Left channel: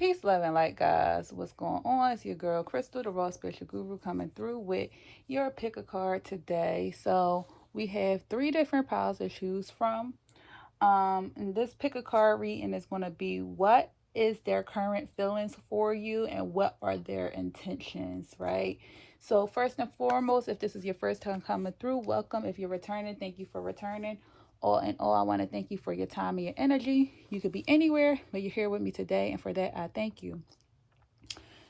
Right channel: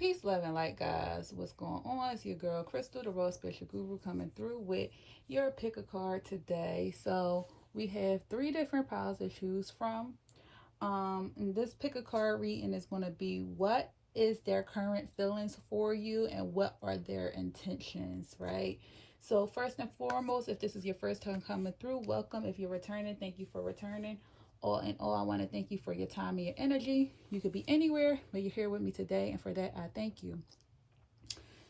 Peace, love, and light, guys. What's going on? It's your girl, Crystal, the Raw Spiritual Guru, coming through with your pick a card today. So we have three different piles to choose from. And this pick a card reading is going to be what is their current feelings for you and what are their intentions, right? So first and foremost, if this is your first time coming through, welcome. If you're returning, thank you for returning. All in all, I want to thank you for your time and your energy. You could be anywhere, but you're here with me today, and for that, I thank you.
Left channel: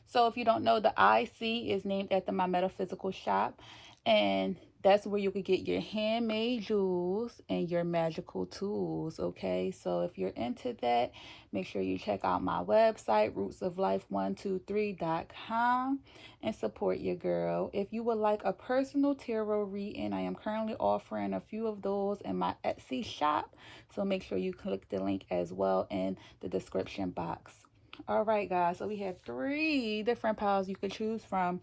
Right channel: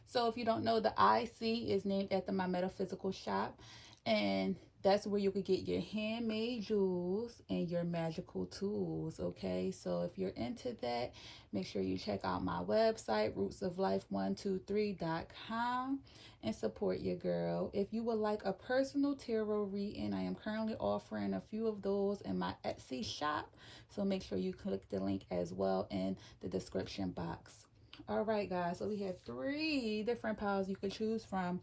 So if you don't know, the IC is named after my metaphysical shop, and that's where you could get your handmade jewels and your magical tools, okay? So if you're into that, make sure you check out my website, rootsoflife123.com, and support your girl. If you would like a personal tarot reading, I am currently offering a few of those in my Etsy shop, so make sure you click the link as well in the description box. All right, guys, so we have three different piles you could choose from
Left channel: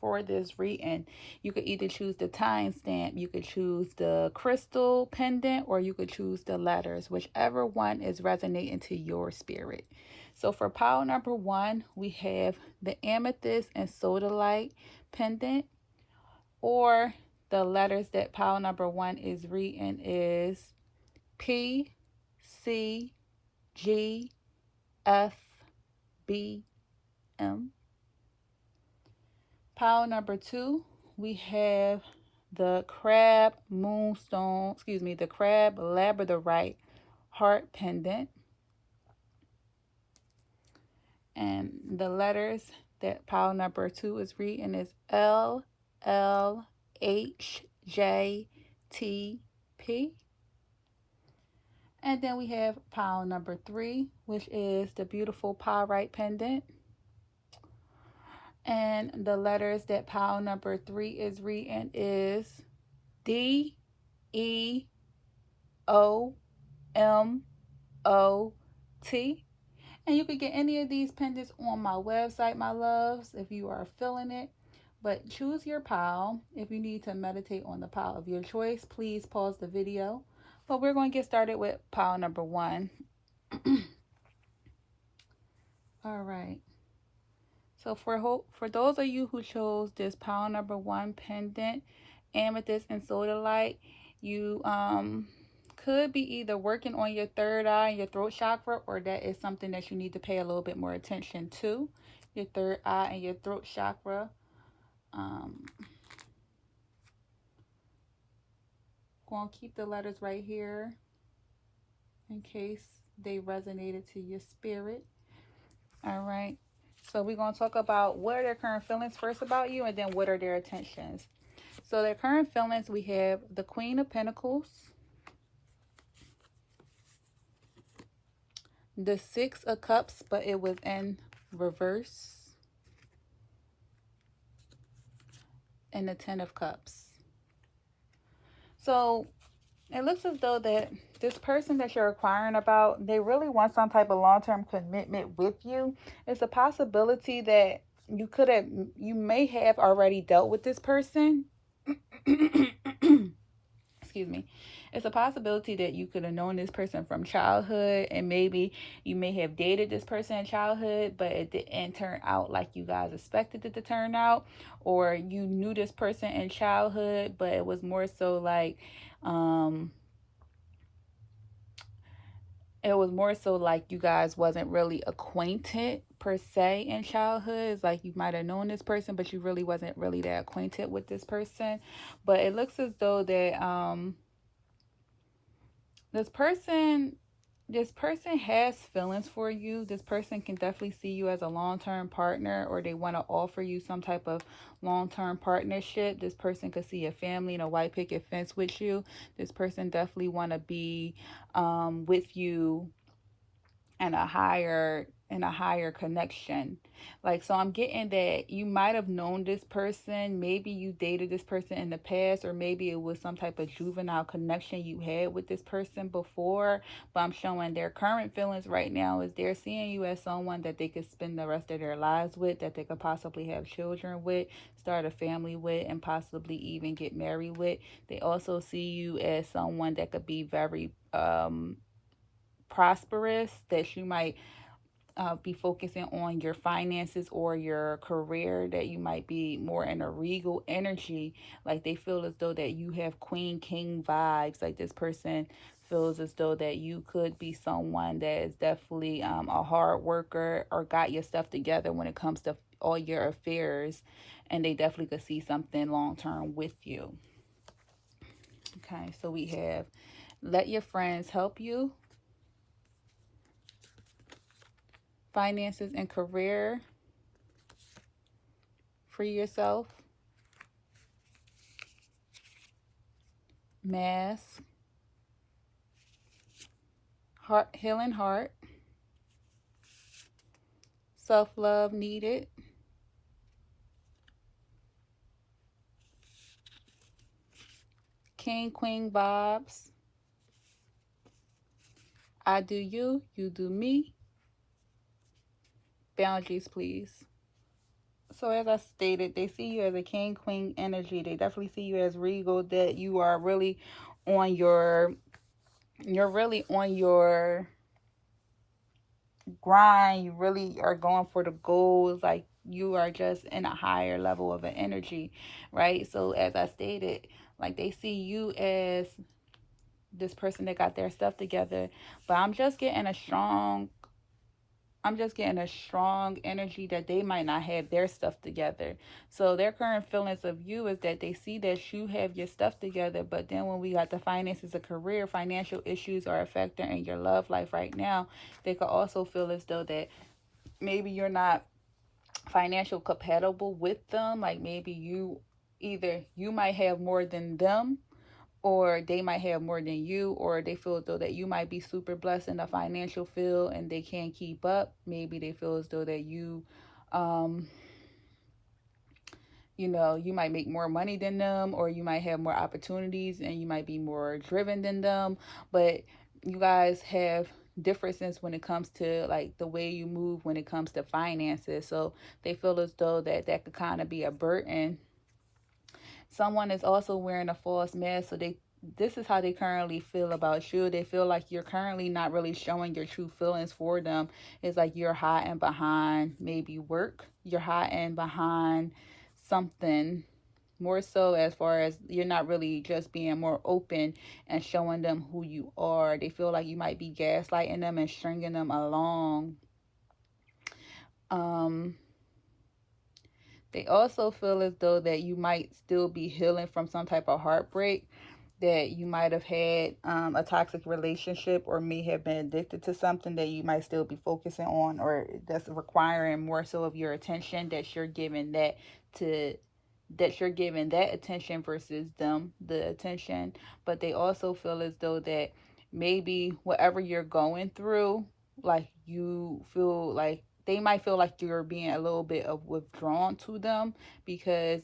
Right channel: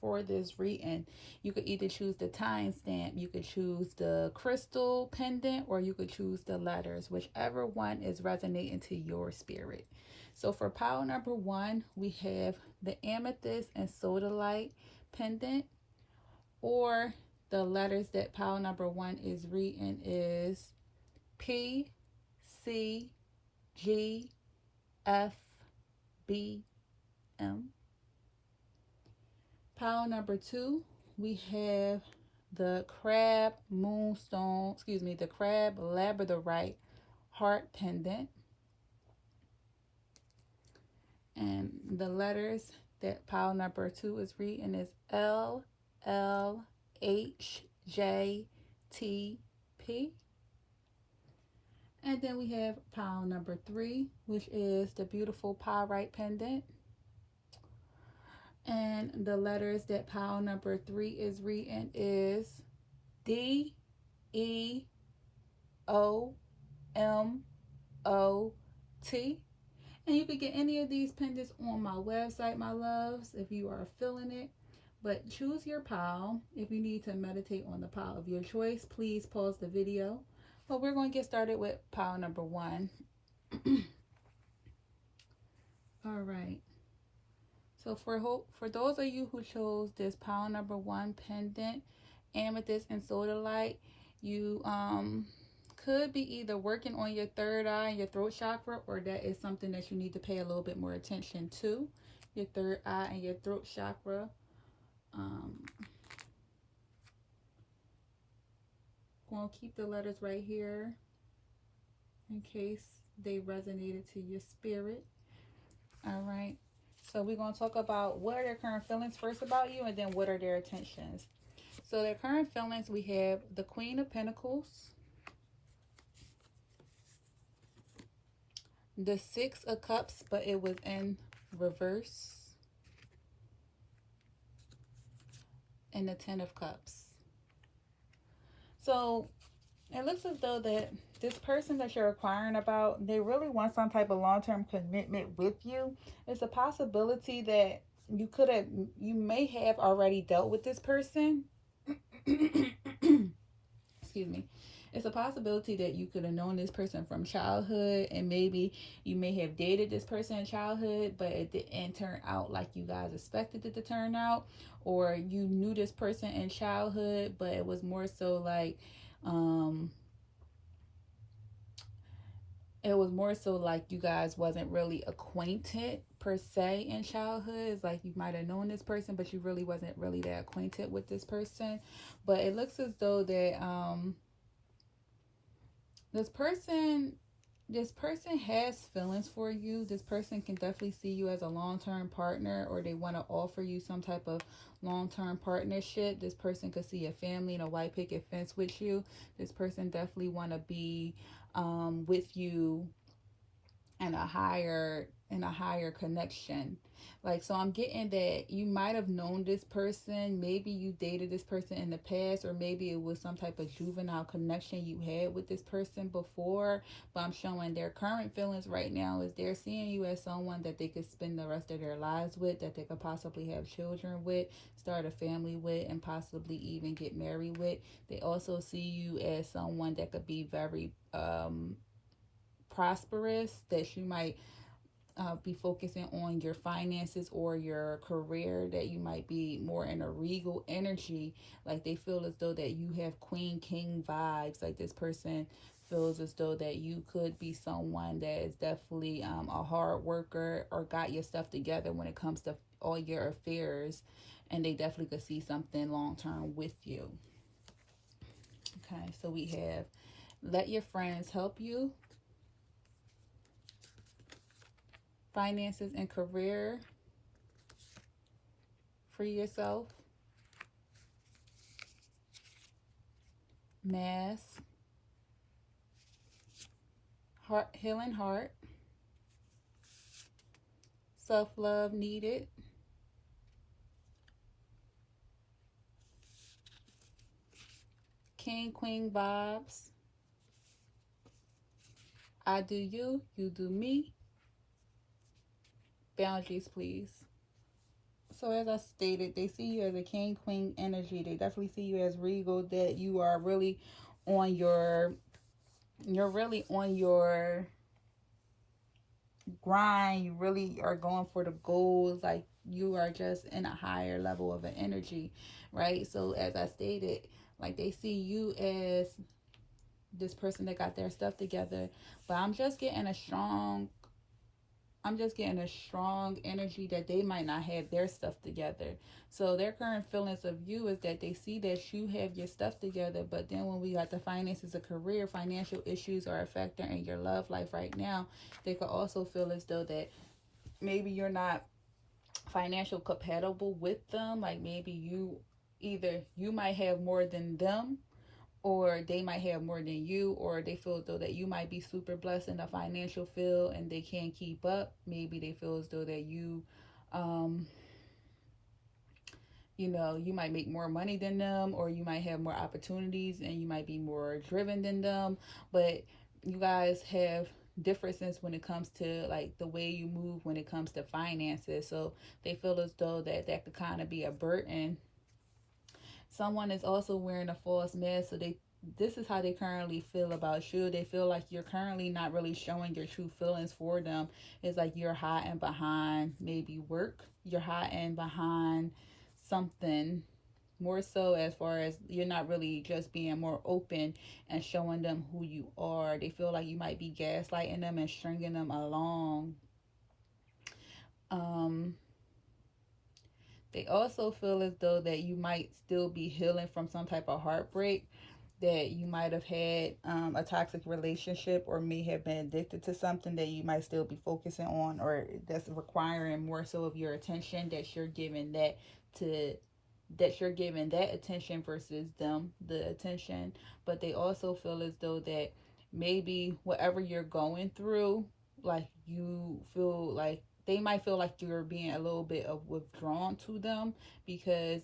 for this reading. You could either choose the timestamp, you could choose the crystal pendant, or you could choose the letters, whichever one is resonating to your spirit. So for pile number one, we have the amethyst and sodalite pendant, or the letters that pile number one is reading is P, C, G, F, B, M. Pile number two, we have the crab moonstone, the crab labradorite heart pendant. And the letters that pile number two is reading is L, L, H, J, T, P. And then we have pile number three, which is the beautiful pyrite pendant. And the letters that pile number three is reading is D, E, O, M, O, T. And you can get any of these pendants on my website, my loves, if you are feeling it. But choose your pile. If you need to meditate on the pile of your choice, please pause the video. But we're going to get started with pile number one. All right. So for those of you who chose this pile number one pendant, amethyst and sodalite, you could be either working on your third eye and your throat chakra, or that is something that you need to pay a little bit more attention to, your third eye and your throat chakra. Going to keep the letters right here in case they resonated to your spirit. All right. So we're going to talk about what are their current feelings first about you, and then what are their intentions. So their current feelings, we have the Queen of Pentacles, the Six of Cups, but it was in reverse, and the Ten of Cups. So it looks as though that this person that you're inquiring about, they really want some type of long-term commitment with you. It's a possibility that you may have already dealt with this person. Excuse me. It's a possibility that you could have known this person from childhood, and maybe you may have dated this person in childhood, but it didn't turn out like you guys expected it to turn out. Or you knew this person in childhood, but it was more so like you guys wasn't really acquainted per se in childhood. It's like you might have known this person, but you really wasn't really that acquainted with this person. But it looks as though that this person has feelings for you. This person can definitely see you as a long-term partner, or they want to offer you some type of long-term partnership. This person could see a family and a white picket fence with you. This person definitely want to be with you in a higher connection. Like, so I'm getting that you might have known this person, maybe you dated this person in the past, or maybe it was some type of juvenile connection you had with this person before. But I'm showing their current feelings right now is they're seeing you as someone that they could spend the rest of their lives with, that they could possibly have children with, start a family with, and possibly even get married with. They also see you as someone that could be very prosperous, that you might be focusing on your finances or your career, that you might be more in a regal energy. Like they feel as though that you have queen king vibes. Like this person feels as though that you could be someone that is definitely a hard worker or got your stuff together when it comes to all your affairs, and they definitely could see something long term with you. Okay, so we have let your friends help you, finances and career, free yourself, mass, heart, healing heart, self-love needed, king queen vibes, I do you, you do me, boundaries please. So as I stated, they see you as a king queen energy. They definitely see you as regal, that you are really on your, you're really on your grind. You really are going for the goals. Like you are just in a higher level of an energy, right? So as I stated, like they see you as this person that got their stuff together, but I'm just getting a strong energy that they might not have their stuff together. So their current feelings of you is that they see that you have your stuff together, but then when we got the finances, a career, financial issues are a factor in your love life right now. They could also feel as though that maybe you're not financial compatible with them. Like maybe either you might have more than them, or they might have more than you, or they feel as though that you might be super blessed in the financial field and they can't keep up. Maybe they feel as though that um, you might make more money than them, or you might have more opportunities and you might be more driven than them. But you guys have differences when it comes to like the way you move when it comes to finances. So they feel as though that could kind of be a burden. Someone is also wearing a false mask, so this is how they currently feel about you. They feel like you're currently not really showing your true feelings for them. It's like you're hiding behind maybe work, you're hiding behind something, more so as far as you're not really just being more open and showing them who you are. They feel like you might be gaslighting them and stringing them along. um they also feel as though that you might still be healing from some type of heartbreak, that you might have had a toxic relationship, or may have been addicted to something that you might still be focusing on, or that's requiring more so of your attention, that you're giving to that you're giving that attention versus them the attention. But they also feel as though that maybe whatever you're going through, like you feel like they might feel like you're being a little bit of withdrawn to them, because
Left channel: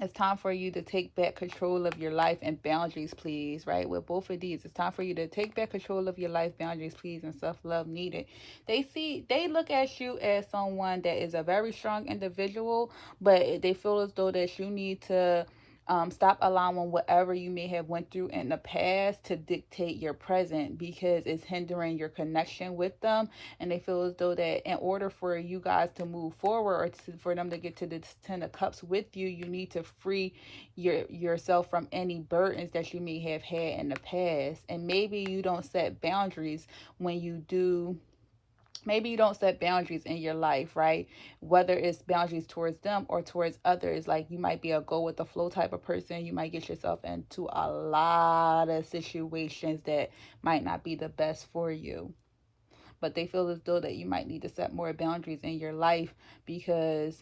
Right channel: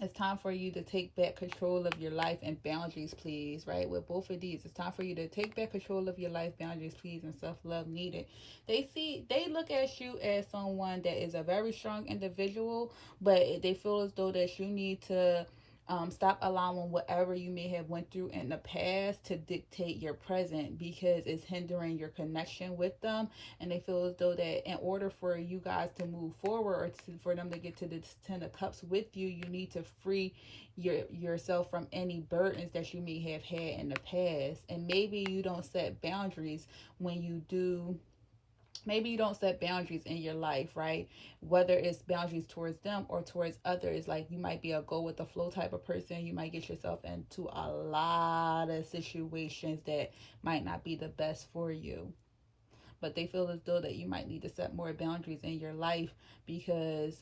it's time for you to take back control of your life, and boundaries please, right? With both of these, it's time for you to take back control of your life, boundaries please, and self-love needed. They look at you as someone that is a very strong individual, but they feel as though that you need to stop allowing whatever you may have went through in the past to dictate your present, because it's hindering your connection with them. And they feel as though that in order for you guys to move forward, or for them to get to the 10 of cups with you, you need to free yourself from any burdens that you may have had in the past. And maybe you don't set boundaries when you do, maybe you don't set boundaries in your life, right? Whether it's boundaries towards them or towards others. Like you might be a go with the flow type of person. You might get yourself into a lot of situations that might not be the best for you. But they feel as though that you might need to set more boundaries in your life, because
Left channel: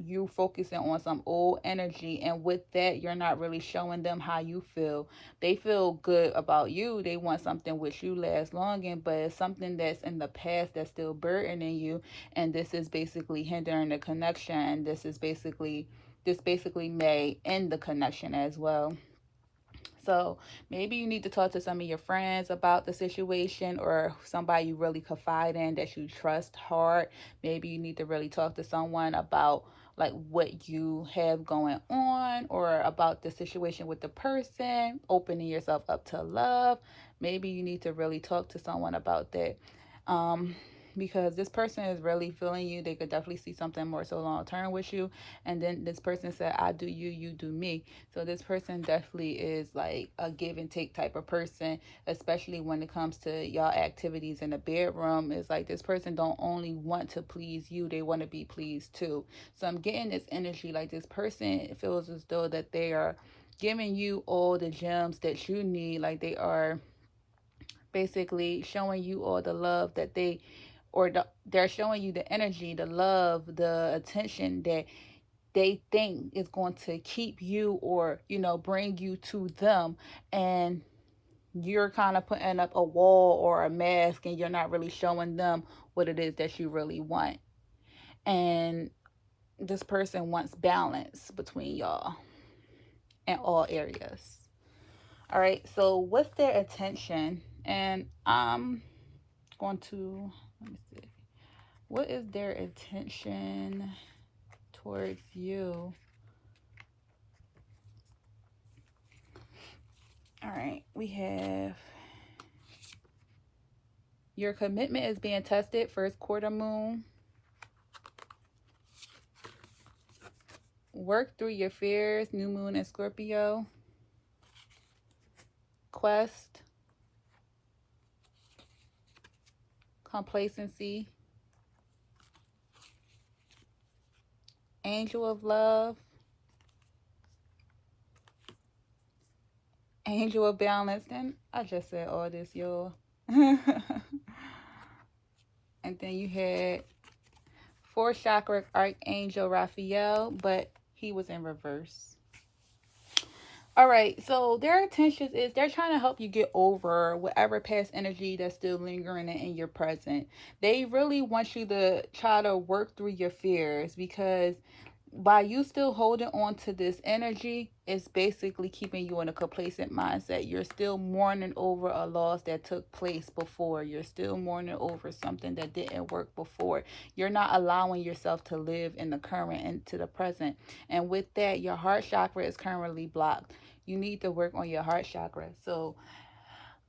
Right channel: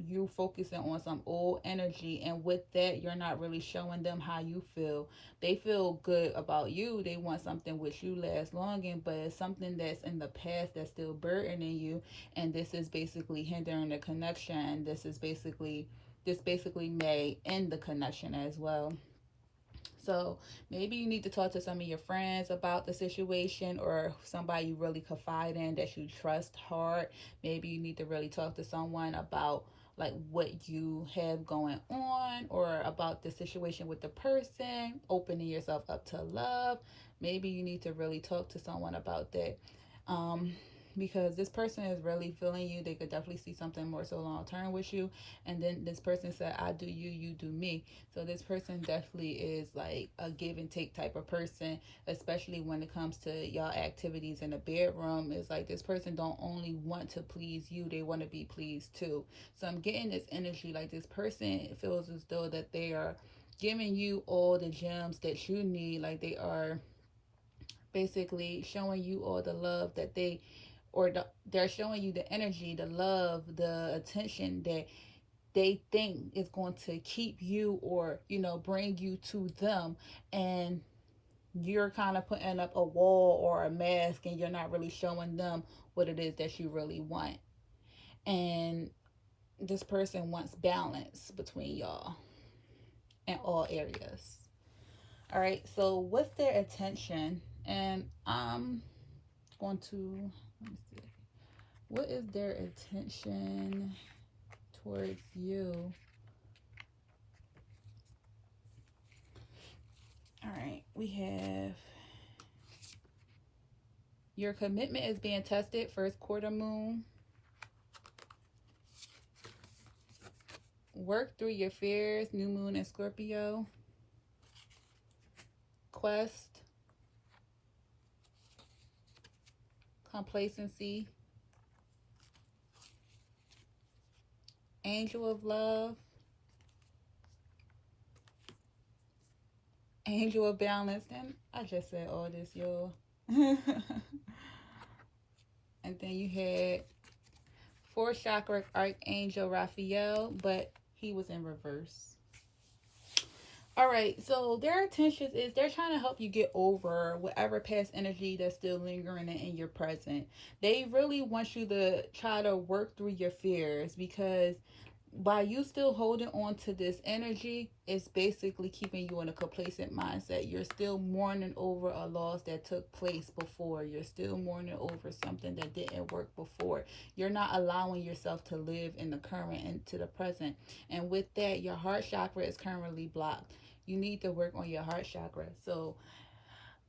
you focusing on some old energy, and with that you're not really showing them how you feel. They feel good about you, they want something which you last long in, but it's something that's in the past that's still burdening you, and this is basically hindering the connection. This basically may end the connection as well. So maybe you need to talk to some of your friends about the situation, or somebody you really confide in that you trust hard. Maybe you need to really talk to someone about like what you have going on, or about the situation with the person, opening yourself up to love. Maybe you need to really talk to someone about that. Um, because this person is really feeling you. They could definitely see something more so long term with you. And then this person said, I do you, you do me. So this person definitely is like a give and take type of person, especially when it comes to y'all activities in the bedroom. It's like this person don't only want to please you, they want to be pleased too. So I'm getting this energy like this person feels as though that they are giving you all the gems that you need. Like they are basically showing you all the love that they're showing you the energy, the love, the attention that they think is going to keep you, or bring you to them. And you're kind of putting up a wall or a mask, and you're not really showing them what it is that you really want. And this person wants balance between y'all in all areas. All right, so what's their attention? And I'm going to, let me see, what is their attention towards you? All right, we have your commitment is being tested, first quarter moon. Work through your fears, new moon in Scorpio. Quest. Complacency. Angel of love. Angel of balance. And I just said all this, y'all. And then you had fourth chakra Archangel Raphael, but he was in reverse. All right, so their intentions is they're trying to help you get over whatever past energy that's still lingering in your present. They really want you to try to work through your fears, because by you still holding on to this energy, it's basically keeping you in a complacent mindset. You're still mourning over a loss that took place before. You're still mourning over something that didn't work before. You're not allowing yourself to live in the current and to the present. And with that, your heart chakra is currently blocked. You need to work on your heart chakra. So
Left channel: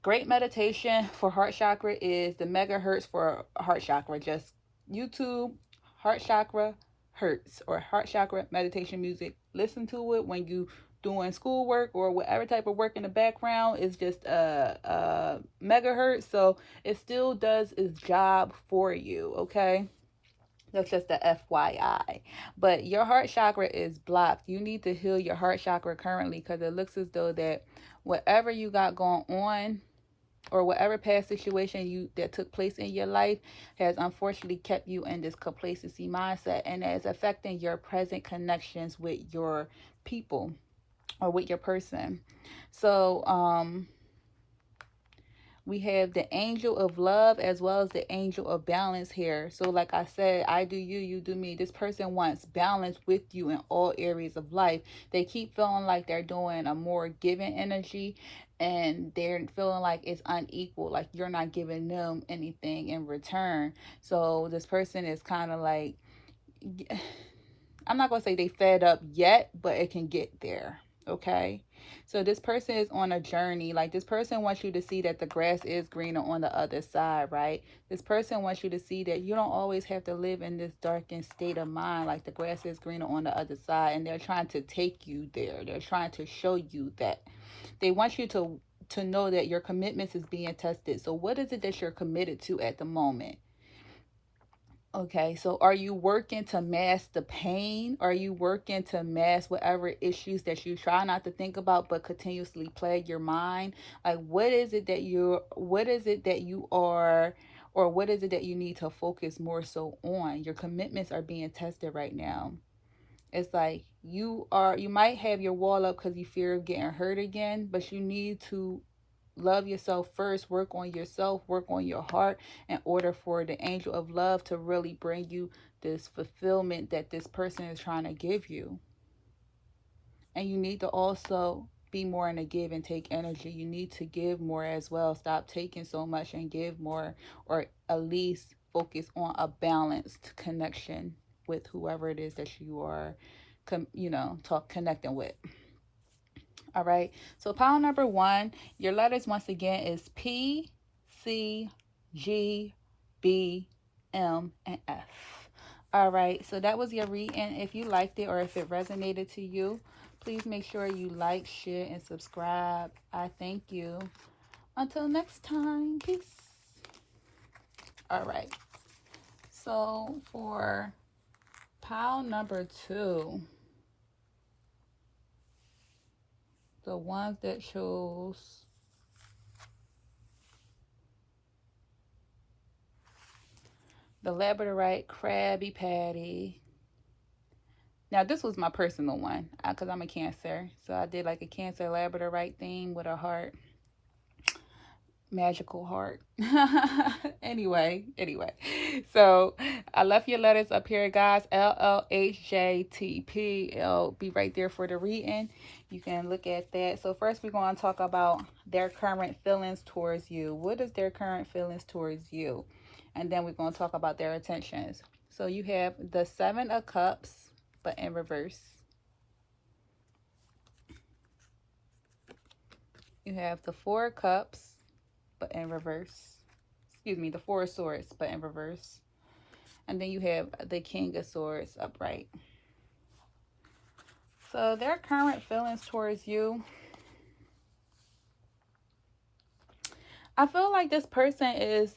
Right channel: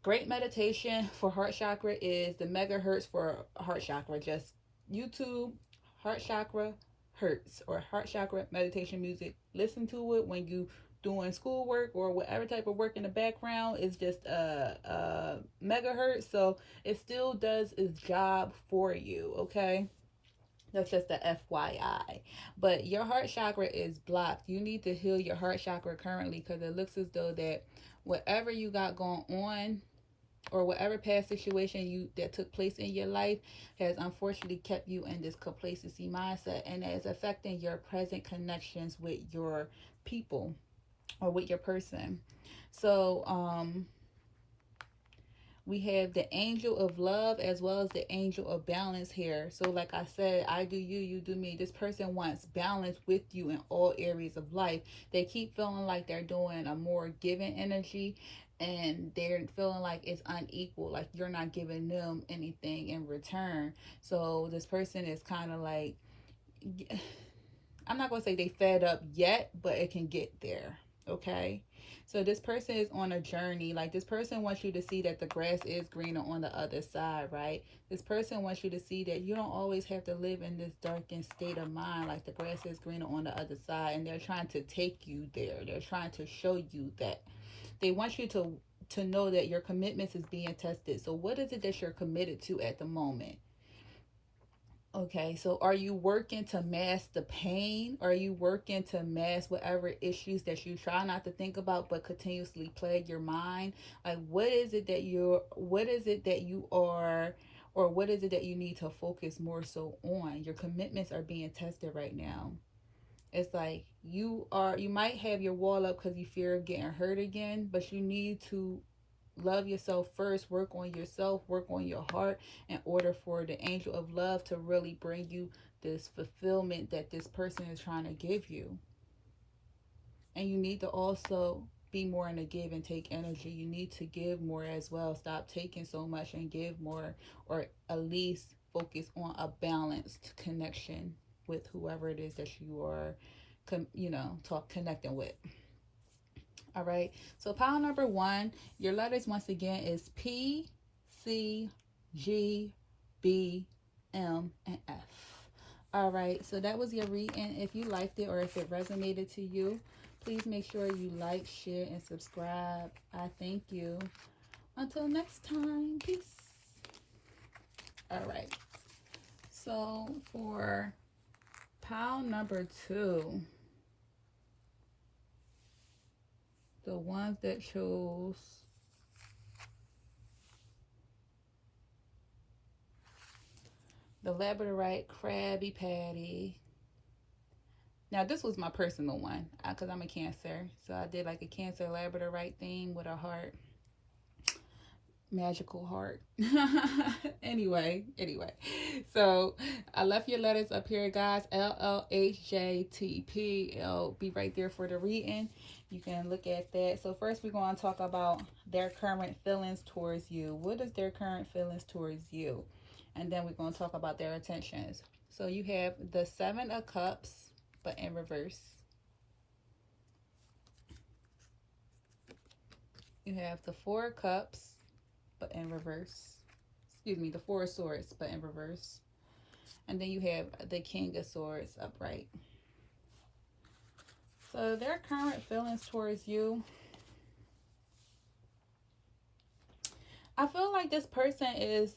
great meditation for heart chakra is the megahertz for heart chakra. Just YouTube heart chakra hertz or heart chakra meditation music. Listen to it when you doing schoolwork or whatever type of work in the background. Is just a megahertz, so it still does its job for you. Okay, that's just a FYI. But your heart chakra is blocked. You need to heal your heart chakra currently, because it looks as though that whatever you got going on, or whatever past situation that took place in your life, has unfortunately kept you in this complacency mindset, and is affecting your present connections with your people or with your person. So we have the angel of love as well as the angel of balance here. So like I said, I do you, you do me. This person wants balance with you in all areas of life. They keep feeling like they're doing a more giving energy, and they're feeling like it's unequal, like you're not giving them anything in return. So this person is kind of like, I'm not going to say they fed up yet, but it can get there. Okay. So this person is on a journey. Like this person wants you to see that the grass is greener on the other side, right? This person wants you to see that you don't always have to live in this darkened state of mind. Like the grass is greener on the other side, and they're trying to take you there. They're trying to show you that. They want you to know that your commitments is being tested. So what is it that you're committed to at the moment? Okay, so are you working to mask the pain? Are you working to mask whatever issues that you try not to think about but continuously plague your mind? Like what is it that you are, or what is it that you need to focus more so on? Your commitments are being tested right now. It's like you might have your wall up because you fear of getting hurt again, but you need to love yourself first, work on yourself, work on your heart, in order for the angel of love to really bring you this fulfillment that this person is trying to give you. And you need to also be more in a give and take energy. You need to give more as well. Stop taking so much and give more, or at least focus on a balanced connection with whoever it is that you are connecting with. All right, so pile number 1, your letters once again is P, C, G, B, M, and F. All right, so that was your reading. If you liked it or if it resonated to you, please make sure you like, share, and subscribe. I thank you. Until next time, peace. All right, so for pile number 2, the ones that chose the Labradorite Krabby Patty. Now, this was my personal one because I'm a Cancer. So I did like a Cancer Labradorite theme with a heart. Magical heart. anyway. So I left your letters up here, guys. LLHJTP. It'll be right there for the reading. You can look at that. So first we're going to talk about their current feelings towards you. What is their current feelings towards you? And then we're going to talk about their intentions. So you have the 7 of Cups, but in reverse. You have the 4 of Cups, but in reverse. Excuse me, the 4 of Swords, but in reverse. And then you have the King of Swords upright. So their current feelings towards you. I feel like this person is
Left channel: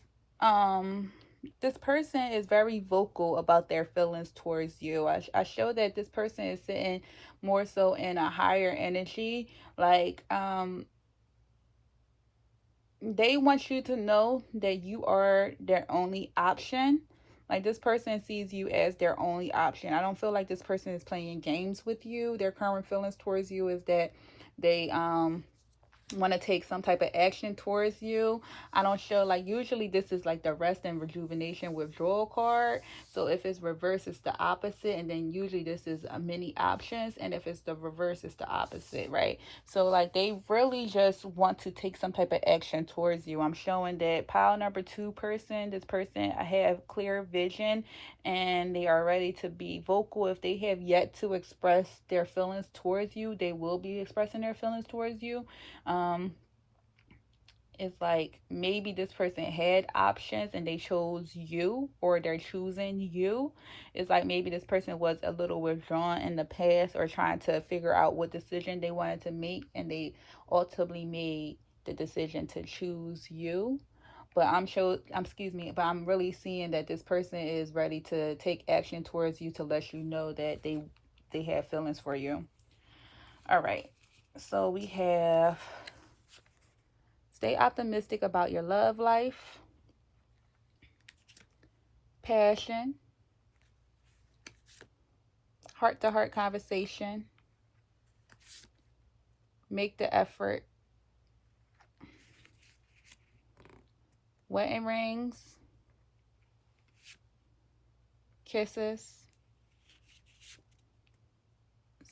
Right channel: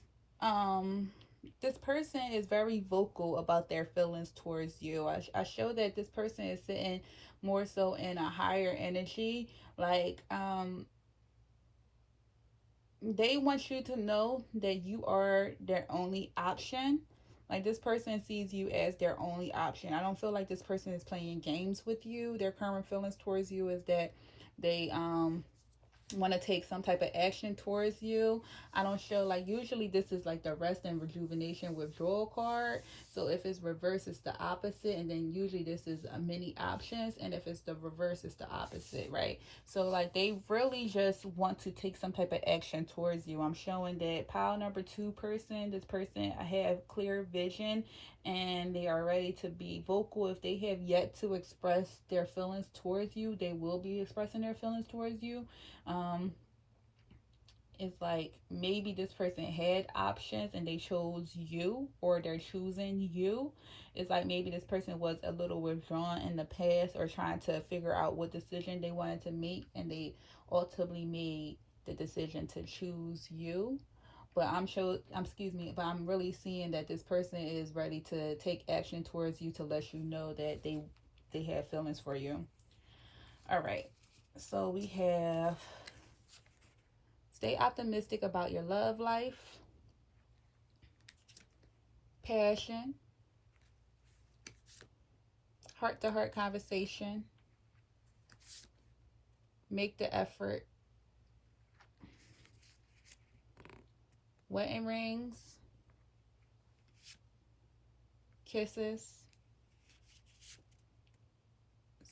very vocal about their feelings towards you. I show that this person is sitting more so in a higher energy. Like they want you to know that you are their only option. Like this person sees you as their only option. I don't feel like this person is playing games with you. Their current feelings towards you is that they want to take some type of action towards you. I don't show, like, usually this is like the rest and rejuvenation withdrawal card. So if it's reverse, it's the opposite, and then usually this is many options, and if it's the reverse, it's the opposite, right? So like they really just want to take some type of action towards you. I'm showing that pile number 2 person, this person have clear vision and they are ready to be vocal. If they have yet to express their feelings towards you, they will be expressing their feelings towards you. It's like maybe this person had options and they chose you, or they're choosing you. It's like maybe this person was a little withdrawn in the past or trying to figure out what decision they wanted to make, and they ultimately made the decision to choose you. But but I'm really seeing that this person is ready to take action towards you to let you know that they have feelings for you. All right. So we have stay optimistic about your love life, passion, heart-to-heart conversation, make the effort, wedding rings, kisses,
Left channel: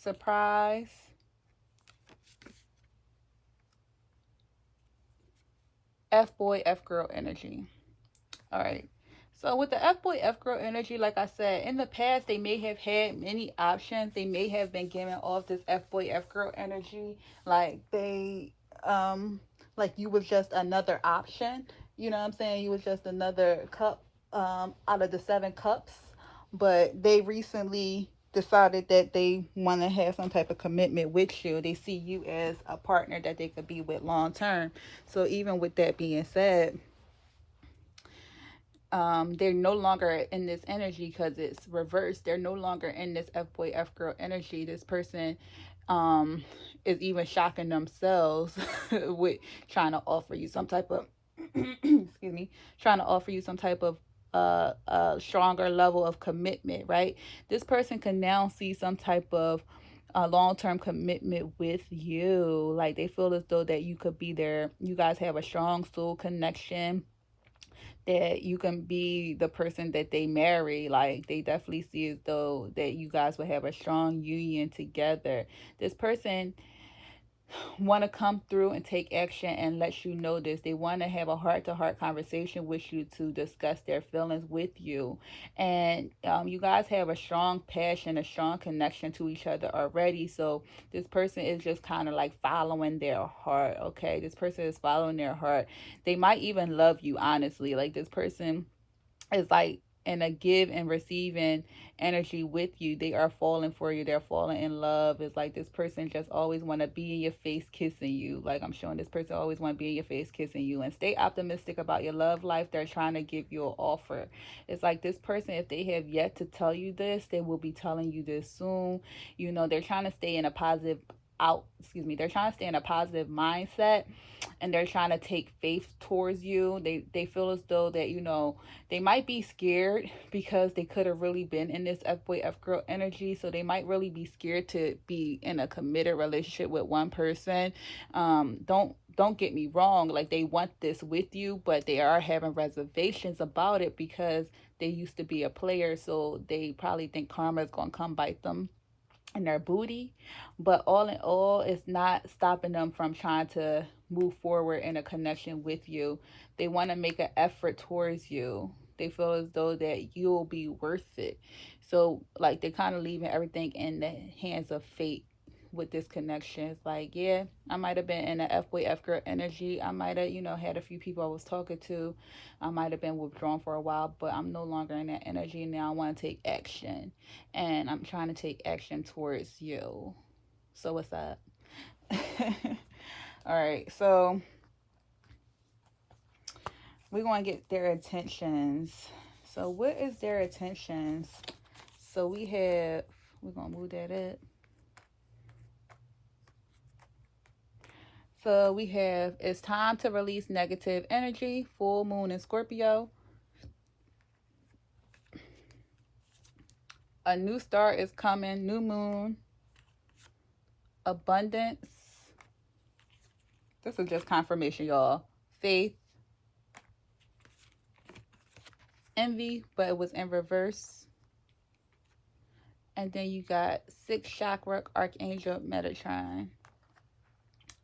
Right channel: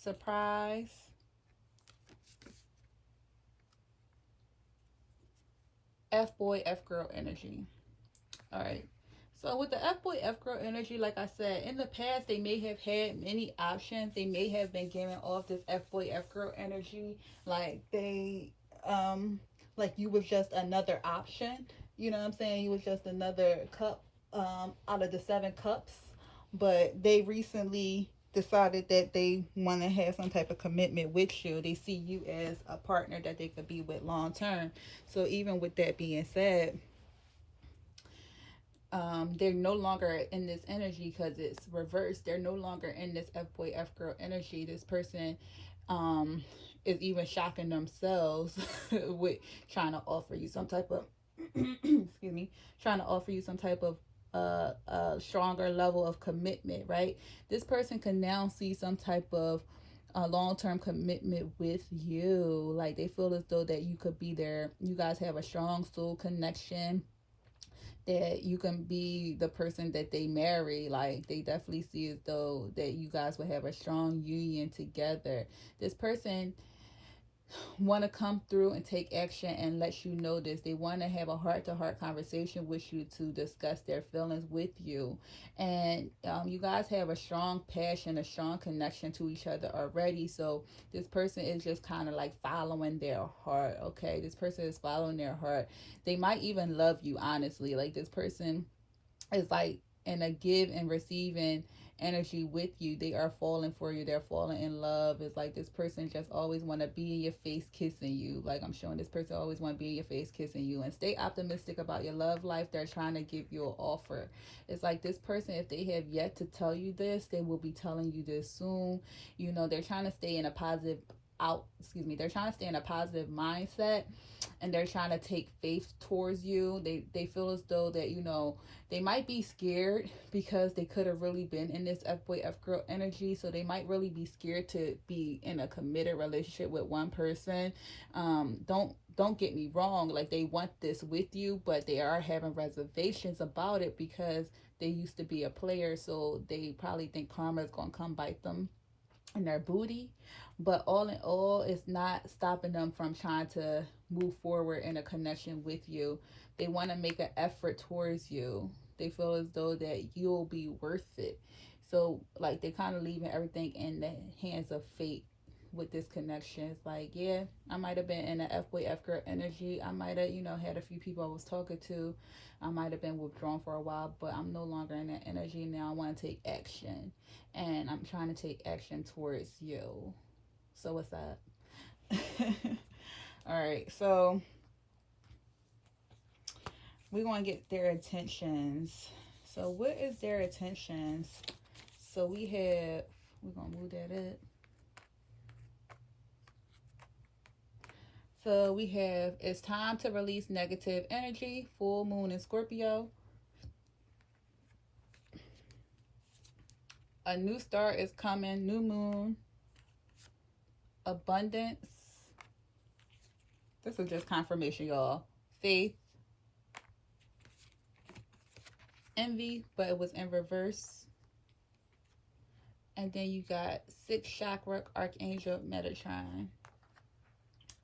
surprise, F-boy, F-girl energy. All right. So with the F-boy, F-girl energy, like I said, in the past, they may have had many options. They may have been giving off this F-boy, F-girl energy. Like like you was just another option. You know what I'm saying? You was just another cup out of the 7 cups. But they recently decided that they want to have some type of commitment with you. They see you as a partner that they could be with long term. So even with that being said, they're no longer in this energy because it's reversed. They're no longer in this F-boy, F-girl energy. This person is even shocking themselves with trying to offer you some type of excuse me, trying to offer you some type of stronger level of commitment, right? This person can now see some type of long-term commitment with you. Like they feel as though that you could be there. You guys have a strong soul connection, that you can be the person that they marry. Like they definitely see as though that you guys will have a strong union together. This person want to come through and take action and let you know this. They want to have a heart-to-heart conversation with you to discuss their feelings with you. And you guys have a strong passion, a strong connection to each other already. So this person is just kind of like following their heart, okay? This person is following their heart. They might even love you, honestly. Like this person is like in a give and receiving energy with you. They are falling for you. They're falling in love. It's like this person just always want to be in your face kissing you. Like I'm showing this person always want to be in your face kissing you. And stay optimistic about your love life. They're trying to give you an offer. It's like this person, if they have yet to tell you this, they will be telling you this soon. You know, they're trying to stay in a positive they're trying to stay in a positive mindset, and they're trying to take faith towards you. They feel as though that, you know, they might be scared because they could have really been in this F-boy F-girl energy. So they might really be scared to be in a committed relationship with one person. Don't get me wrong, like they want this with you, but they are having reservations about it because they used to be a player. So they probably think karma is gonna come bite them and their booty. But all in all, it's not stopping them from trying to move forward in a connection with you. They want to make an effort towards you. They feel as though that you'll be worth it. So like they're kind of leaving everything in the hands of fate with this connection. It's like, yeah, I might have been in an F-boy F-girl energy. I might have, you know, had a few people I was talking to. I might have been withdrawn for a while, but I'm no longer in that energy now. I want to take action, and I'm trying to take action towards you. So what's up? All right, so we're going to get their attentions. So what is their attentions? So we're going to move that up. So we have, it's time to release negative energy, full moon in Scorpio. A new start is coming, new moon, abundance. This is just confirmation, y'all. Faith, envy, but it was in reverse. And then you got 6th chakra, Archangel Metatron.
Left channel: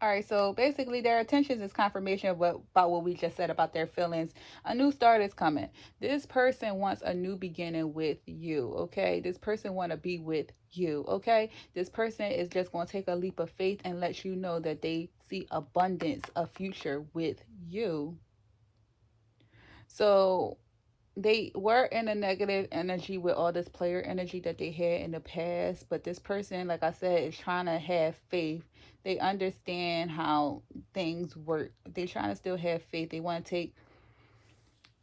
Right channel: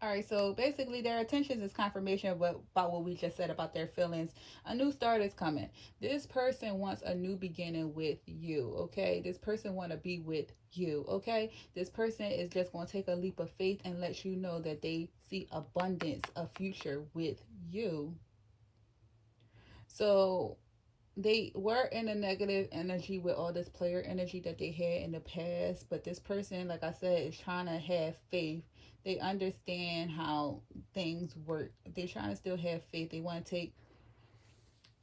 All right, so basically their attentions is confirmation of about what we just said about their feelings. A new start is coming. This person wants a new beginning with you, okay? This person want to be with you, okay? This person is just going to take a leap of faith and let you know that they see abundance, a future with you. So they were in a negative energy with all this player energy that they had in the past, but this person, like I said, is trying to have faith. They understand how things work. They're trying to still have faith. They want to take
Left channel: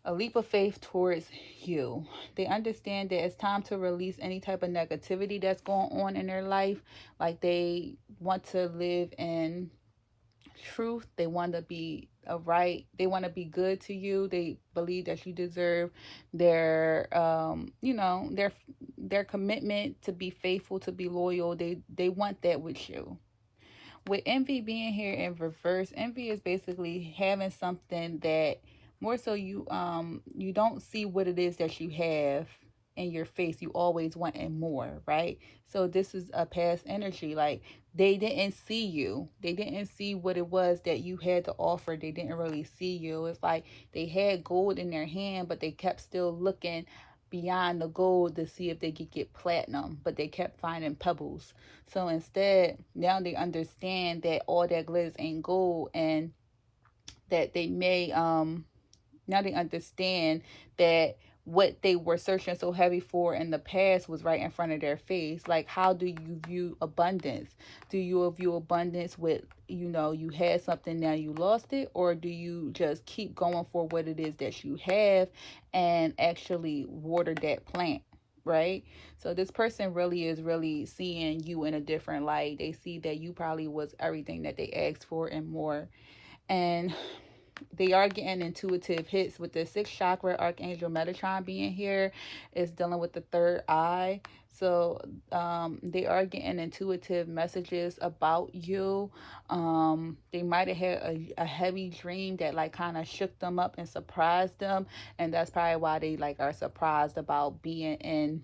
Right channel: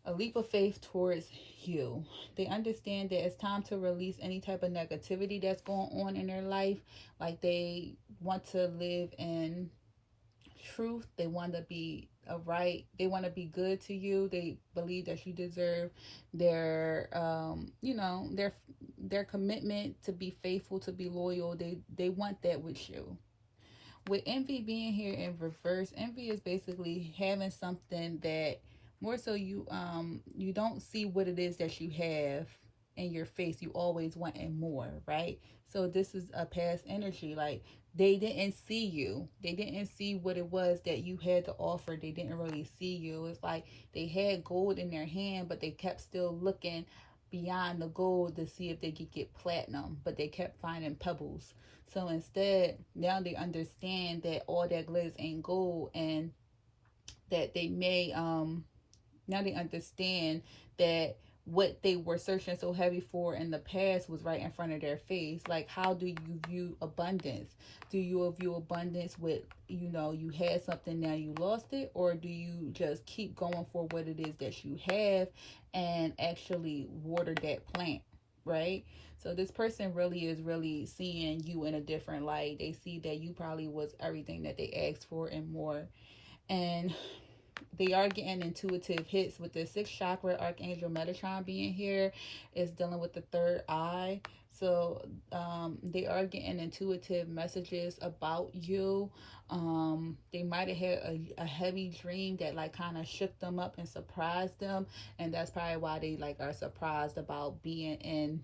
a leap of faith towards you. They understand that it's time to release any type of negativity that's going on in their life. Like they want to live in truth. They want to be they want to be good to you. They believe that you deserve their their commitment to be faithful, to be loyal. They want that with you. With envy being here in reverse, envy is basically having something that more so you don't see what it is that you have in your face. You always wanting more, right? So this is a past energy. Like they didn't see you. They didn't see what it was that you had to offer. They didn't really see you. It's like they had gold in their hand, but they kept still looking beyond the gold to see if they could get platinum, but they kept finding pebbles. So instead, now they understand that all that glitters ain't gold, and that they may now they understand that what they were searching so heavy for in the past was right in front of their face. Like, how do you view abundance? Do you view abundance with, you had something, now you lost it? Or do you just keep going for what it is that you have and actually water that plant, right? So this person really is really seeing you in a different light. They see that you probably was everything that they asked for and more. And they are getting intuitive hits with the 6th chakra, Archangel Metatron being here. Is dealing with the third eye. So they are getting intuitive messages about you. They might have had a heavy dream that like kind of shook them up and surprised them, and that's probably why they like are surprised about being in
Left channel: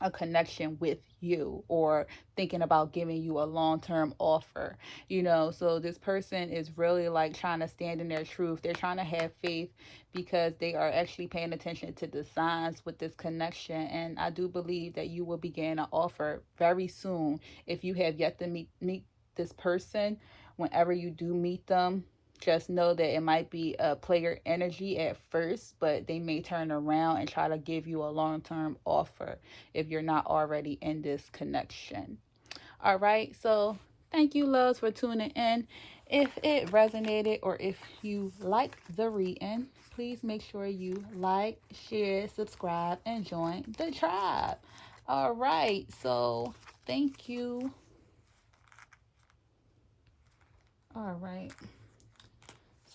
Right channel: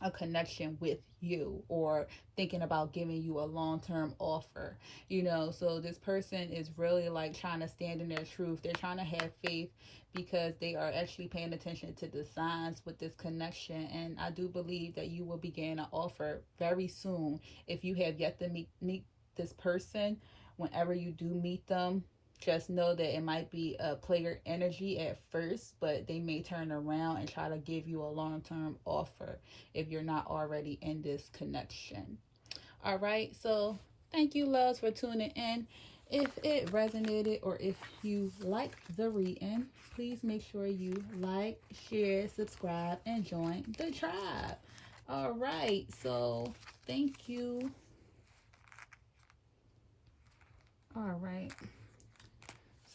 a connection with you, or thinking about giving you a long-term offer. So this person is really like trying to stand in their truth. They're trying to have faith because they are actually paying attention to the signs with this connection. And I do believe that you will begin an offer very soon. If you have yet to meet this person, whenever you do meet them, just know that it might be a player energy at first, but they may turn around and try to give you a long-term offer if you're not already in this connection. All right, so thank you, loves, for tuning in. If it resonated or if you liked the reading, please make sure you like, share, subscribe, and join the tribe. All right, so thank you. All right,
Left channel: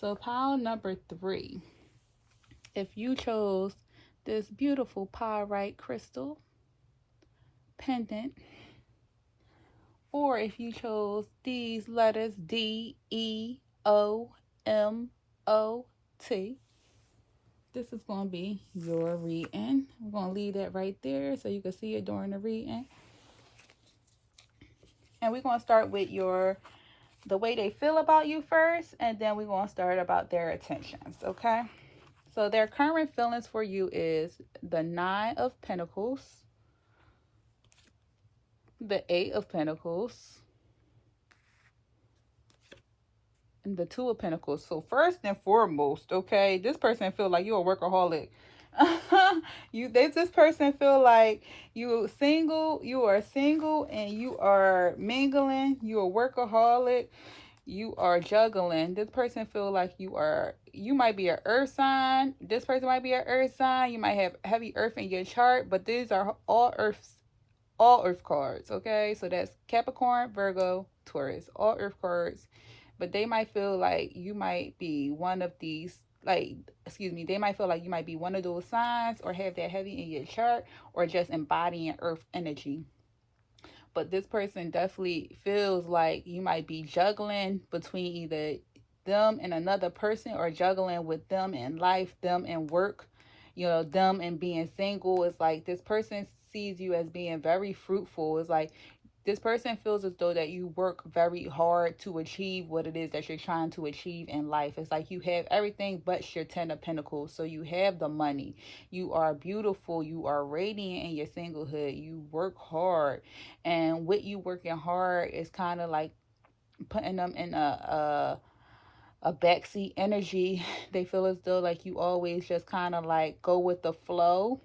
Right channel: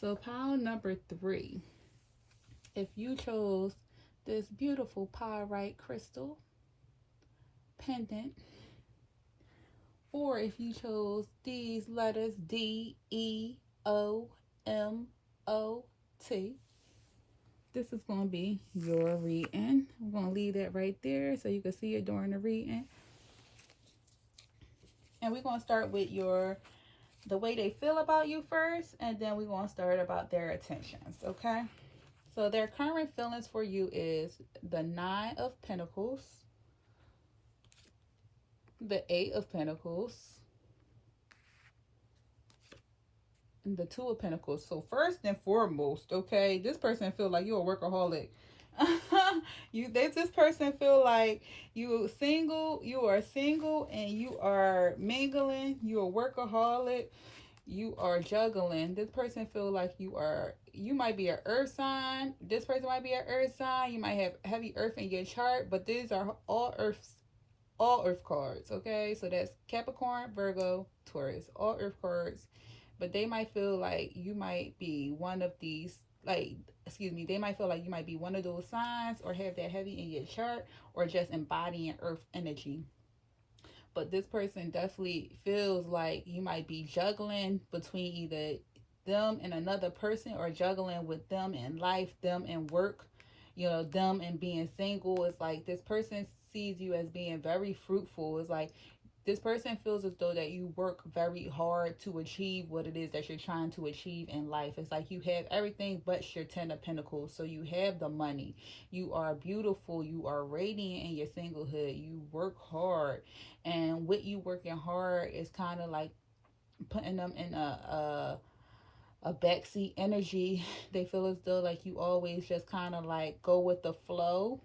so pile number 3. If you chose this beautiful pyrite crystal pendant, or if you chose these letters DEOMOT, this is going to be your reading. I'm going to leave that right there so you can see it during the reading. And we're going to start with the way they feel about you first, and then we're going to start about their intentions, okay? So their current feelings for you is the 9 of Pentacles, the 8 of Pentacles, and the 2 of Pentacles. So first and foremost, okay, this person feel like you're a workaholic. This person feel like you are single and you are mingling, you're a workaholic, you are juggling. This person feel like you might be an earth sign. This person might be an earth sign. You might have heavy earth in your chart, but these are all earth cards, okay? So that's Capricorn, Virgo, Taurus, all earth cards. But they might feel like you might be one of these, they might feel like you might be one of those signs or have that heavy in your chart or just embodying earth energy. But this person definitely feels like you might be juggling between either them and another person, or juggling with them in life, them in work, them and being single. It's like this person sees you as being very fruitful. It's like this person feels as though that you work very hard to achieve what it is that you're trying to achieve in life. It's like you have everything but your 10 of Pentacles. So you have the money. You are beautiful. You are radiant in your singlehood. You work hard. And with you working hard is kind of like putting them in a backseat energy. They feel as though like you always just kind of like go with the flow.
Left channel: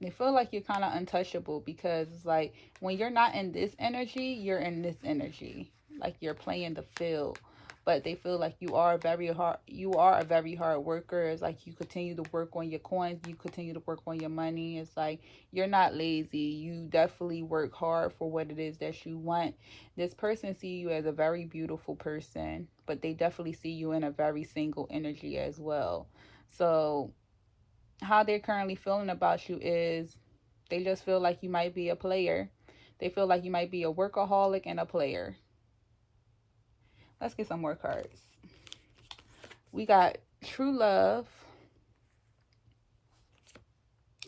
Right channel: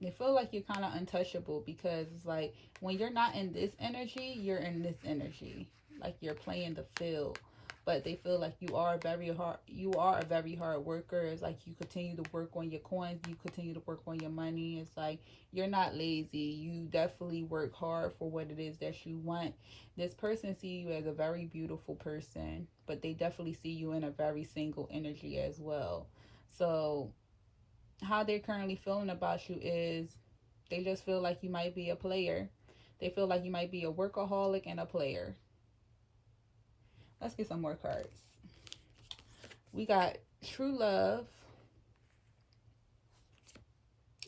They feel like you're kind of untouchable, because it's like when you're not in this energy, you're in this energy, like you're playing the field. But they feel like you are a very hard worker. It's like you continue to work on your coins, you continue to work on your money. It's like you're not lazy. You definitely work hard for what it is that you want. This person see you as a very beautiful person, but they definitely see you in a very single energy as well. So how they're currently feeling about you is they just feel like you might be a player. They feel like you might be a workaholic and a player. Let's get some more cards. We got true love,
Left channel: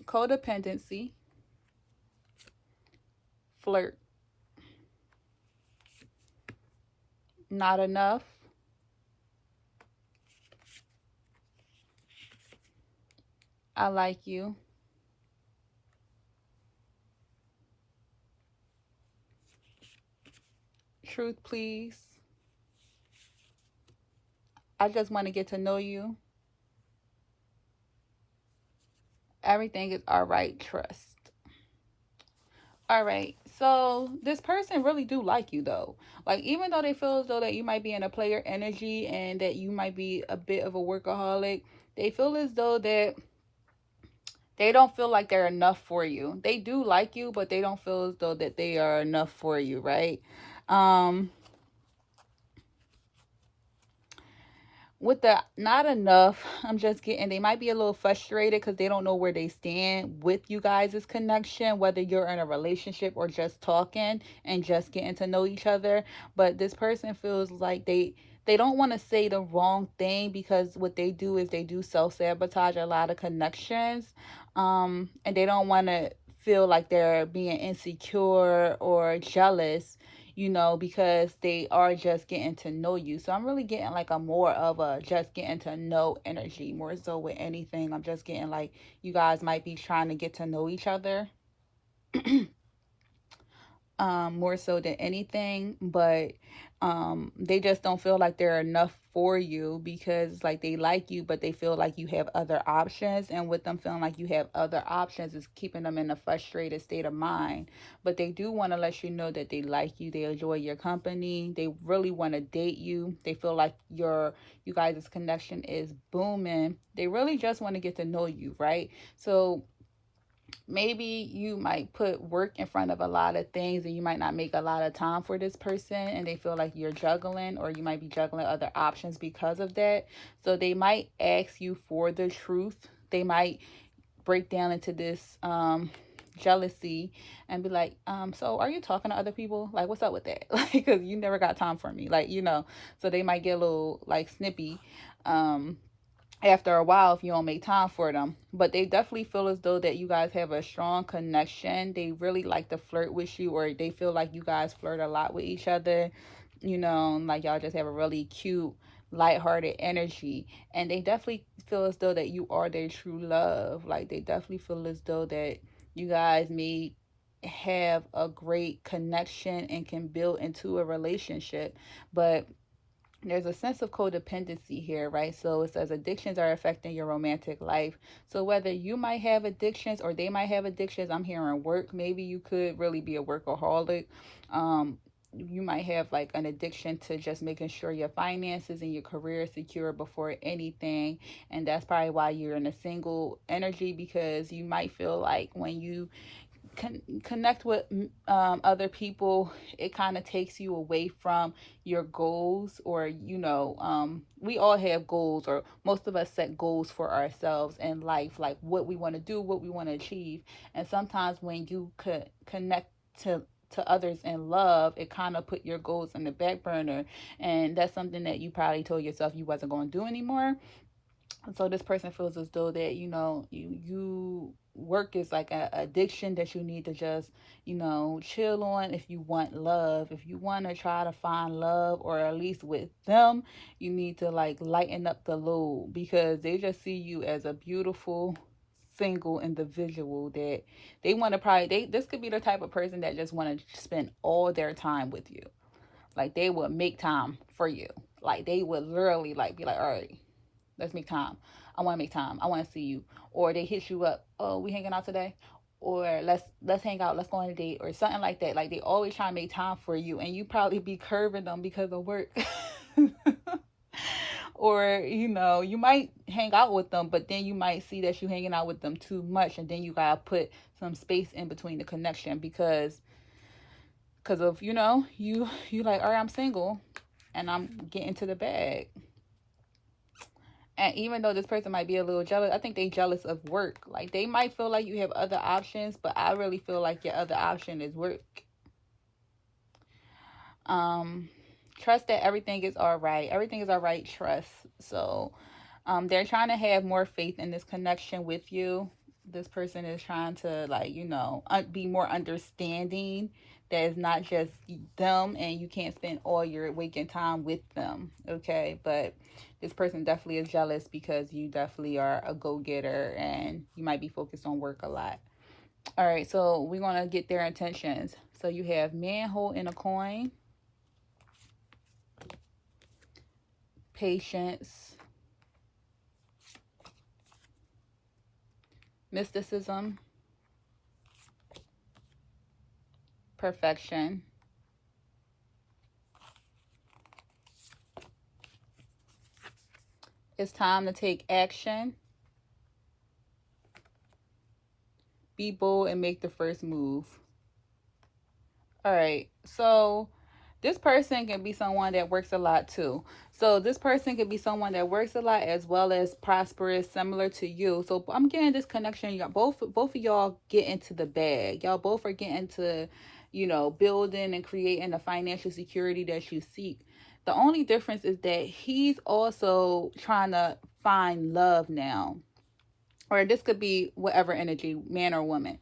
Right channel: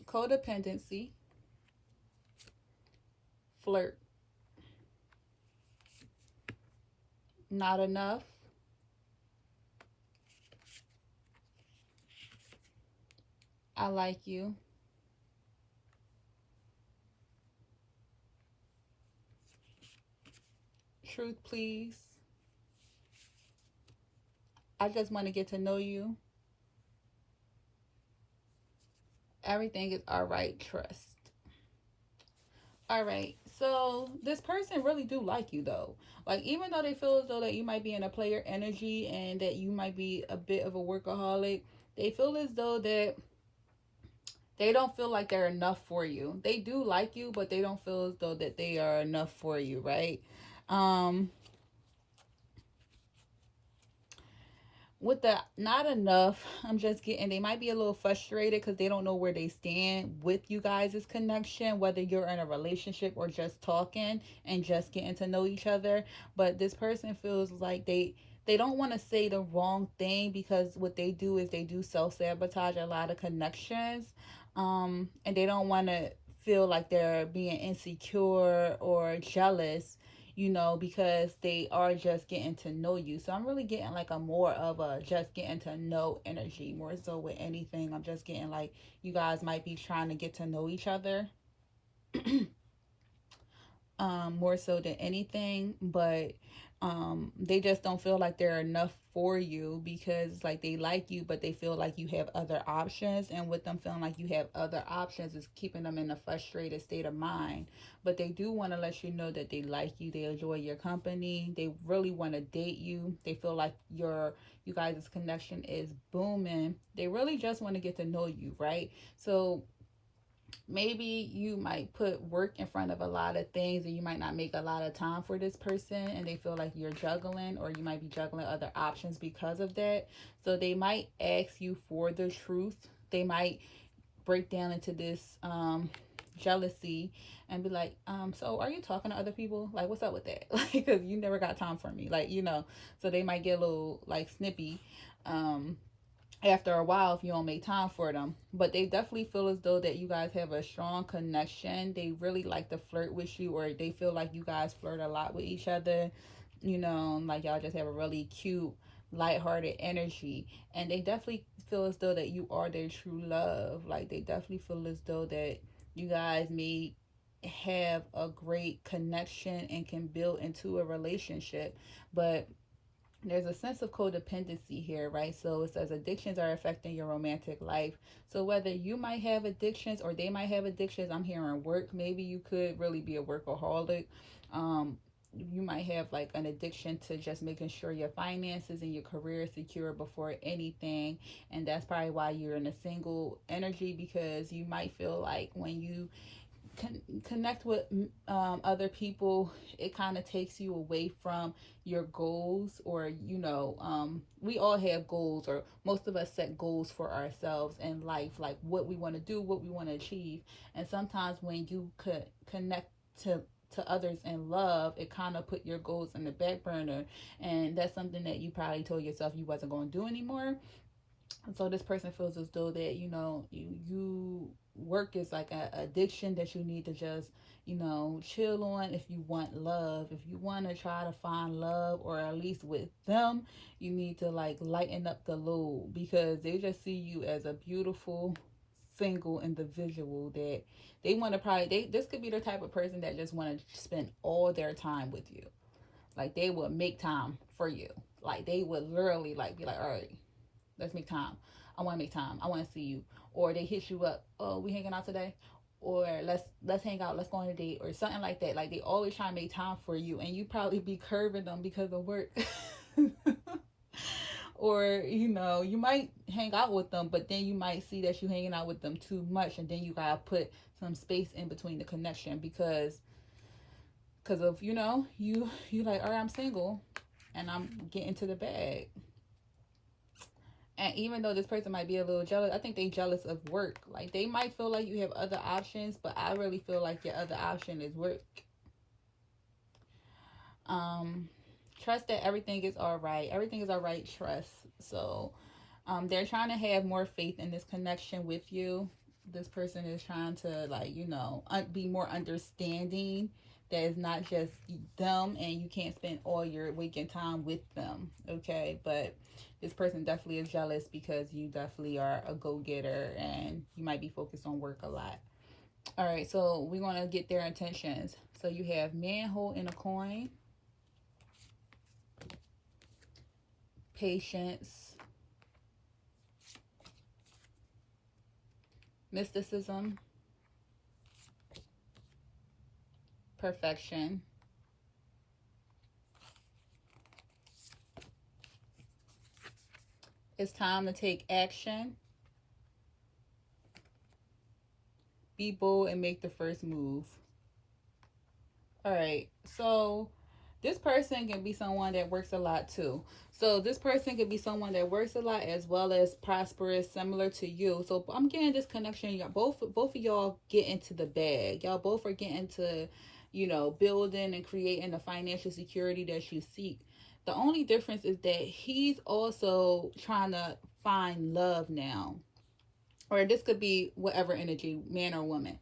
codependency, flirt, not enough, I like you, truth please, I just want to get to know you, everything is all right, trust. All right, so this person really do like you though. Like, even though they feel as though that you might be in a player energy and that you might be a bit of a workaholic, they feel as though that they don't feel like they're enough for you. They do like you, but they don't feel as though that they are enough for you, right? With the not enough, I'm just getting, they might be a little frustrated because they don't know where they stand with you guys' connection, whether you're in a relationship or just talking and just getting to know each other. But this person feels like they don't want to say the wrong thing, because what they do is they do self-sabotage a lot of connections. And they don't want to feel like they're being insecure or jealous, because they are just getting to know you. So I'm really getting like a more of a just getting to know energy, more so with anything. I'm just getting like you guys might be trying to get to know each other. More so than anything. But They just don't feel like they're enough for you, because like they like you, but they feel like you have other options, and with them feeling like you have other options is keeping them in a frustrated state of mind. But they do want to let you know that they like you, they enjoy your company, they really want to date you, they feel like you guys' connection is booming, they really just want to get to know you, right? So maybe you might put work in front of a lot of things, and you might not make a lot of time for this person, and they feel like you're juggling, or you might be juggling other options because of that. So they might ask you for the truth. They might break down into this jealousy and be like, so are you talking to other people? Like, what's up with that? Like, because you never got time for me, like, so they might get a little like snippy um after a while if you don't make time for them. But they definitely feel as though that you guys have a strong connection. They really like to flirt with you, or they feel like you guys flirt a lot with each other. Like y'all just have a really cute, lighthearted energy. And they definitely feel as though that you are their true love. Like they definitely feel as though that you guys may have a great connection and can build into a relationship. But there's a sense of codependency here, right? So it says addictions are affecting your romantic life. So whether you might have addictions or they might have addictions, I'm hearing work. Maybe you could really be a workaholic. You might have like an addiction to just making sure your finances and your career is secure before anything. And that's probably why you're in a single energy, because you might feel like when you connect with other people, it kind of takes you away from your goals. Or we all have goals, or most of us set goals for ourselves in life, like what we want to do, what we want to achieve. And sometimes when you could connect to others in love, it kind of put your goals in the back burner, and that's something that you probably told yourself you wasn't going to do anymore. So this person feels as though that you work is like an addiction that you need to just chill on. If you want love, if you want to try to find love, or at least with them, you need to like lighten up the load, because they just see you as a beautiful single individual that they want to probably this could be the type of person that just want to spend all their time with you. Like they would make time for you. Like they would literally like be like, all right, let's make time. I want to make time. I want to see you. Or they hit you up. Oh, we hanging out today? Or let's hang out. Let's go on a date or something like that. Like they always try to make time for you, and you probably be curving them because of work. Or you might hang out with them, but then you might see that you hanging out with them too much, and then you gotta put some space in between the connection, because of you like, all right, I'm single and I'm getting to the bag. And even though this person might be a little jealous, I think they jealous of work. Like they might feel like you have other options, but I really feel like your other option is work. Um, Trust that everything is all right. Everything is all right. Trust. So, they're trying to have more faith in this connection with you. This person is trying to like be more understanding. That is not just them, and you can't spend all your waking time with them. Okay, but this person definitely is jealous because you definitely are a go-getter, and you might be focused on work a lot. All right, so we're gonna get their intentions. So you have man holding a coin, patience, mysticism, perfection, it's time to take action, be bold, and make the first move. All right, so this person can be someone that works a lot too. So this person could be someone that works a lot as well as prosperous, similar to you. So I'm getting this connection. Y'all both of y'all get into the bag. Y'all both are getting to, building and creating the financial security that you seek. The only difference is that he's also trying to find love now. Or this could be whatever energy, man or woman.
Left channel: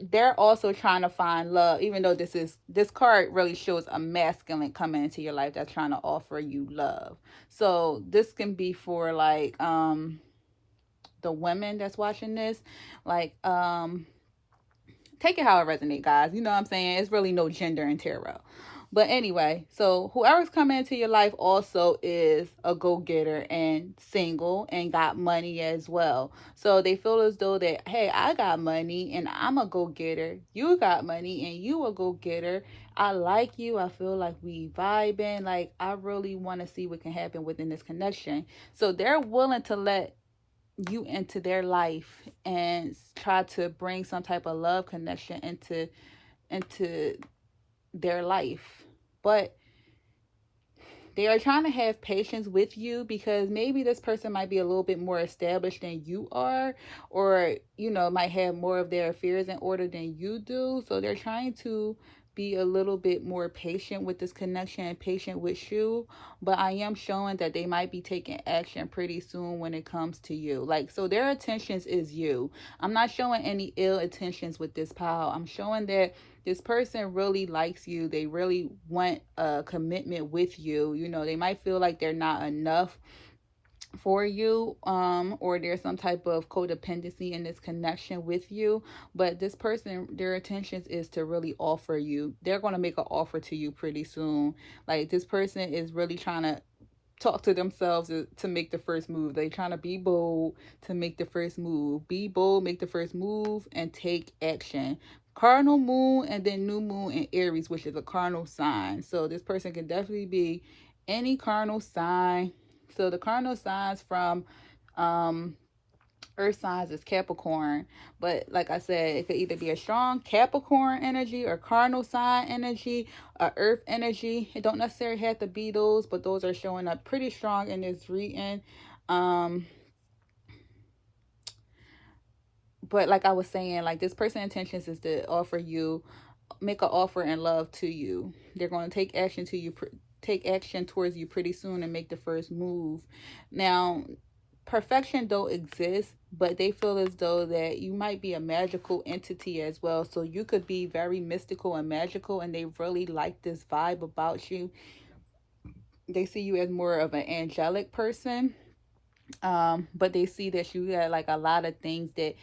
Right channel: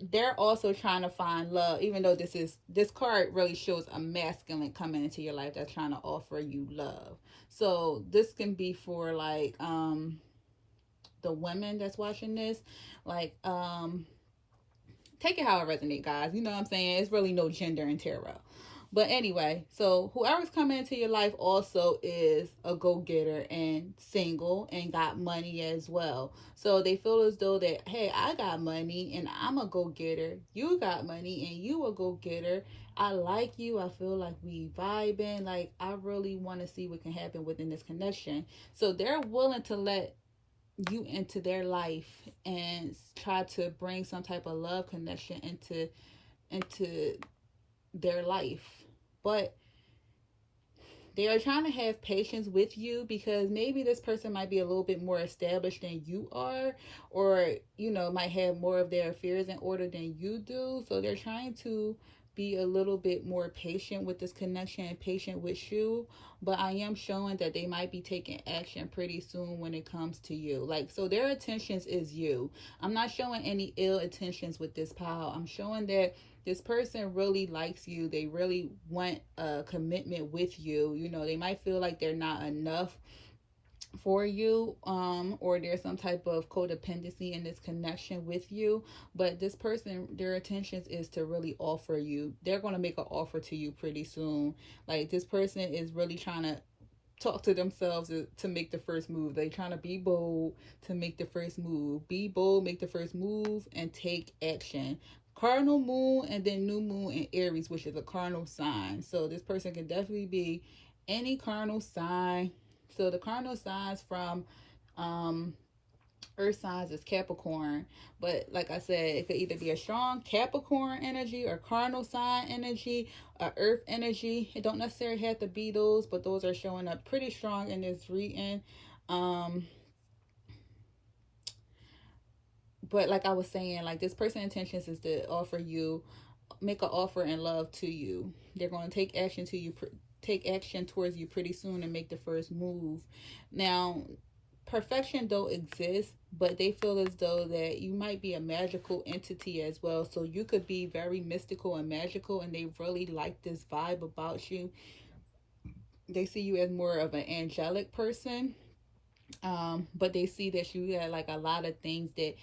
They're also trying to find love, even though this card really shows a masculine coming into your life that's trying to offer you love. So this can be for like the women that's watching this, like take it how it resonates, guys. You know what I'm saying? It's really no gender in tarot. But anyway, so whoever's coming into your life also is a go-getter and single and got money as well. So they feel as though that, hey, I got money and I'm a go-getter. You got money and you a go-getter. I like you. I feel like we vibing. Like, I really want to see what can happen within this connection. So they're willing to let you into their life and try to bring some type of love connection into their life. But they are trying to have patience with you because maybe this person might be a little bit more established than you are, or might have more of their affairs in order than you do. So they're trying to be a little bit more patient with this connection and patient with you. But I am showing that they might be taking action pretty soon when it comes to you. Like, so their intentions is you. I'm not showing any ill intentions with this pile. I'm showing that this person really likes you. They really want a commitment with you. They might feel like they're not enough for you, or there's some type of codependency in this connection with you. But this person, their intentions is to really offer you. They're going to make an offer to you pretty soon. Like, this person is really trying to talk to themselves to make the first move. They trying to be bold to make the first move. Be bold, make the first move, and take action. Cardinal moon and then new moon in Aries, which is a cardinal sign. So this person can definitely be any cardinal sign. So the cardinal signs from earth signs is Capricorn. But like I said, it could either be a strong Capricorn energy or cardinal sign energy or earth energy. It don't necessarily have to be those, but those are showing up pretty strong in this reading. But like I was saying, like, this person's intentions is to offer you, make an offer in love to you. They're going to take action to you, take action towards you pretty soon and make the first move. Now, perfection don't exist, but they feel as though that you might be a magical entity as well. So you could be very mystical and magical, and they really like this vibe about you. They see you as more of an angelic person, but they see that you got like a lot of things that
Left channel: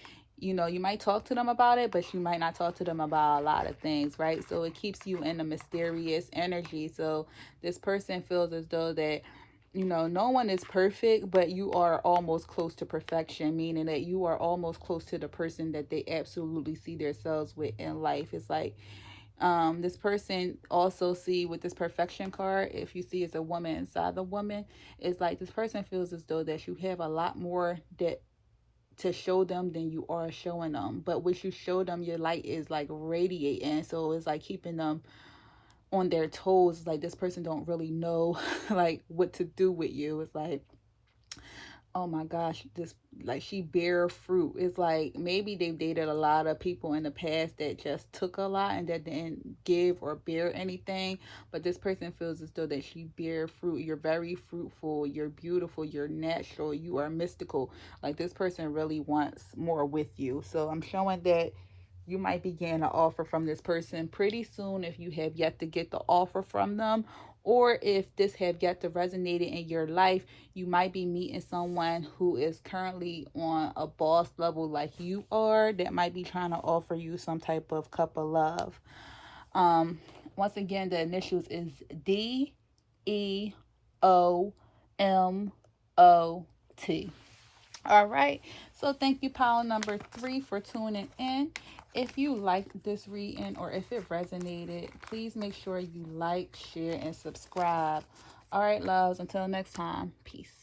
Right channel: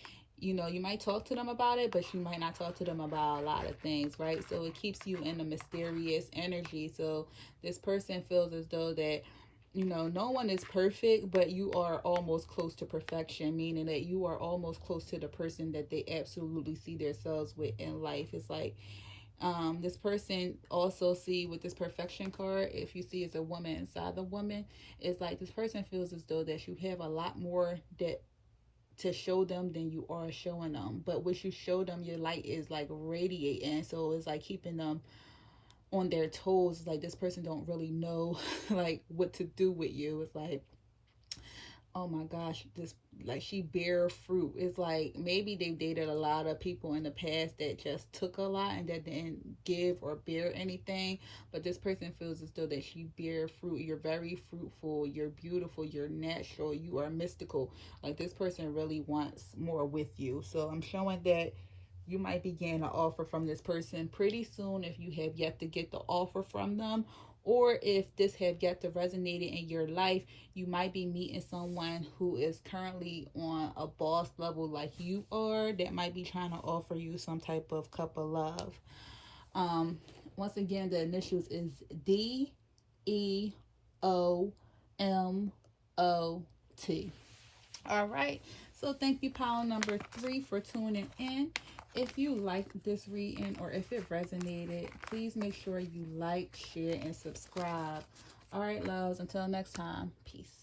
you might talk to them about it, but you might not talk to them about a lot of things, right? So it keeps you in a mysterious energy. So this person feels as though that no one is perfect, but you are almost close to perfection, meaning that you are almost close to the person that they absolutely see themselves with in life. It's like, this person also see with this perfection card, if you see it's a woman inside the woman, it's like this person feels as though that you have a lot more that to show them than you are showing them. But what you show them, your light is like radiating, so it's like keeping them on their toes. Like, this person don't really know like what to do with you. It's like, oh my gosh, this, like, she bear fruit. It's like maybe they've dated a lot of people in the past that just took a lot and that didn't give or bear anything. But this person feels as though that she bear fruit. You're very fruitful, you're beautiful, you're natural, you are mystical. Like, this person really wants more with you. So I'm showing that you might be getting an offer from this person pretty soon if you have yet to get the offer from them, or if this have yet to resonate in your life. You might be meeting someone who is currently on a boss level like you are, that might be trying to offer you some type of cup of love. Once again, the initials is DEOMOT. All right, so thank you, pile number 3, for tuning in. If you liked this reading or if it resonated, please make sure you like, share, and subscribe. All right, loves, until next time, peace.